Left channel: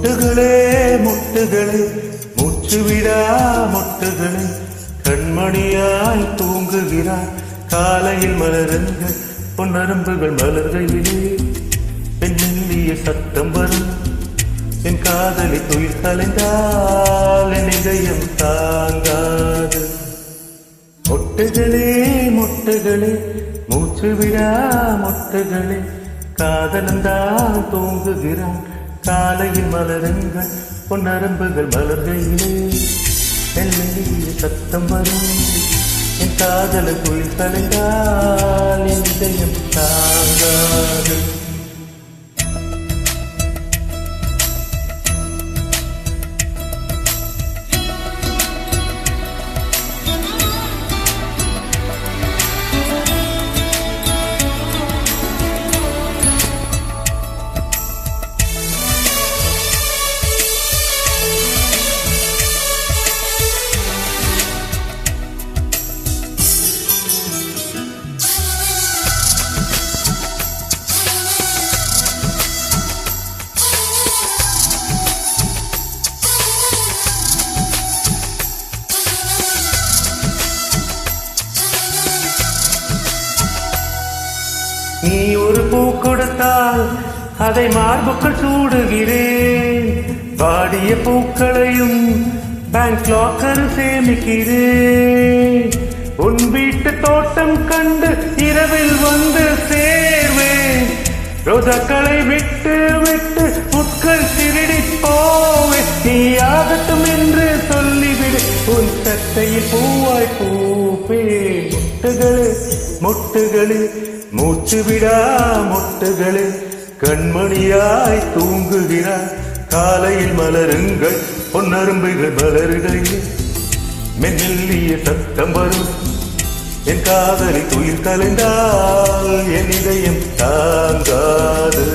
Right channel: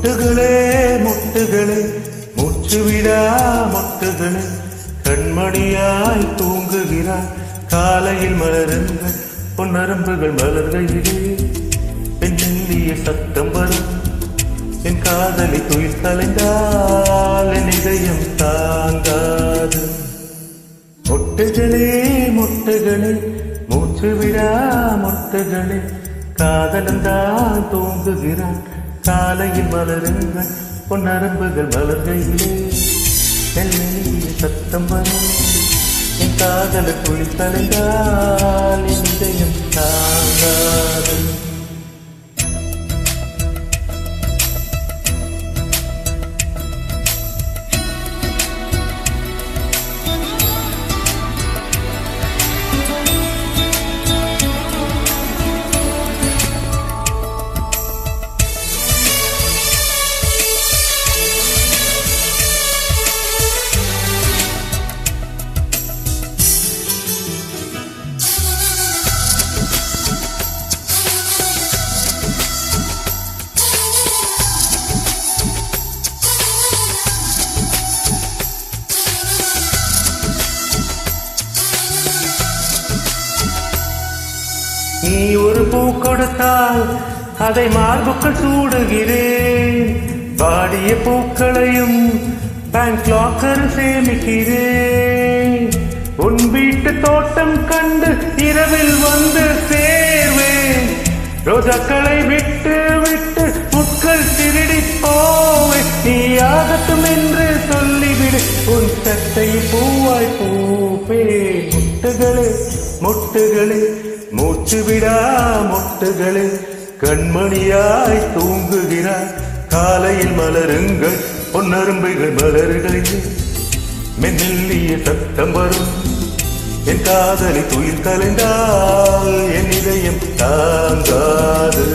மொட்டுகளே மொட்டுகளே மூச்சு விடா மொட்டுகளே கண்மணியாய் தூங்குகிறாய் காலையில் மலருங்கள் பொன்னரம்புகள் மலர்கையிலே பெண்ணெல்லிய சத்தம் வரும் என் காதலி துயில் கலைந்தால் என் இதயம் தாங்காது மொட்டுகளே மொட்டுகளே மூச்சு விடா மொட்டுகளே காதலந்தான் தூங்குகிறான் காலையில் மலருங்கள் பொன்னரம்புகள் மலர்கையிலே மெல்லிய சத்தம் வரும் என் காதலன் துயில் கலைந்தால் என் இதயம் தாங்காது நீ ஒரு பூ கொடுத்தால் அதை மார்புக்கள் சூடுகிறேன் வாடிய பூக்களையும் பேங்க் லாக்கர் சேமிக்கிறேன் உன் வீட்டு தோட்டம் கண்டு இரவில் வந்து சேர்வேன் ரோஜாக்களை விட்டு விட்டு முட்கள் திருடி போவே நீ ஆகட்டும் என்று சொல்லிவிடு உன் சட்டையில் பூவாய் பூப்பேன் மொட்டுகளே மொட்டுகளே மூச்சு விடா மொட்டுகளே கண்மணியாய் தூங்குகிறாய் காலையில் மலருங்கள் பொன்னரும்புகள் மலர்களிலே மெல்லிய சத்தம் வரும் என் காதலி துயில் கலைந்தால் என் இதயம் தாங்காது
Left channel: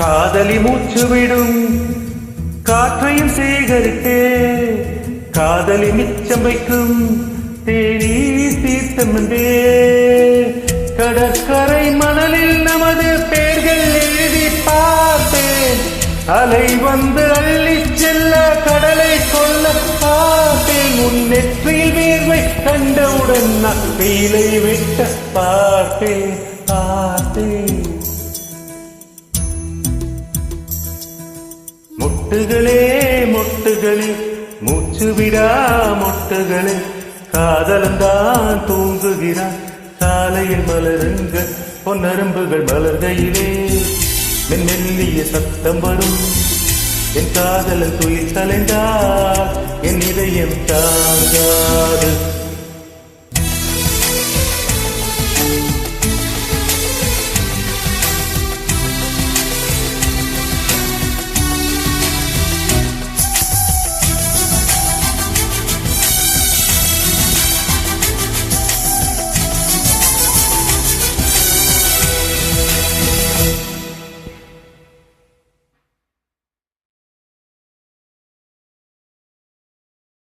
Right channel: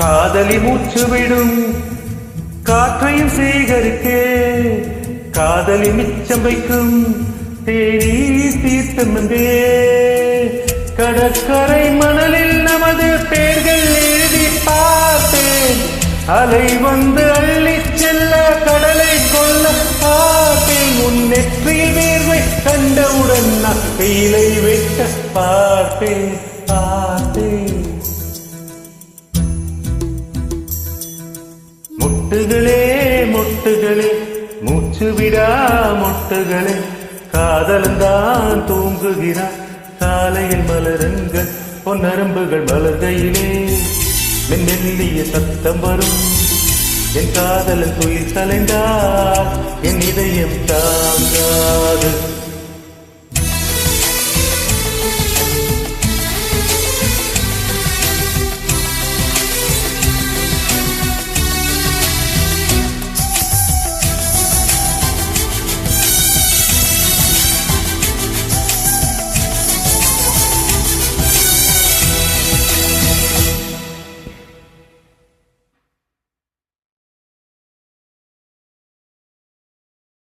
காதலி மூச்சு விடும் காற்றையும் சேகரித்தே காதலி மிச்சம் வைக்கும் தேநீர் தீர்த்தம் என்றே கடற்கரை மணலில் நமது பெயர்கள் எழுதி பார்ப்பேன் அலை வந்து அள்ளி செல்ல கடலை கொள்ள பார்ப்பேன் உன் நெற்றியில் வேர்வை கண்டவுடன் நான் வெயிலை வெட்ட பார்ப்பேன் பார்ப்பேன் மொட்டுகளே மொட்டுகளே மூச்சு விடா மொட்டுகளே காதலந்தான் தூங்குகிறான் காலையில் மலருங்கள் பொன்னரம்புகள் மலர்கையிலே மெல்லிய சத்தம் வரும் என் காதலன் துயில் கலைந்தால் என் இதயம் தாங்காது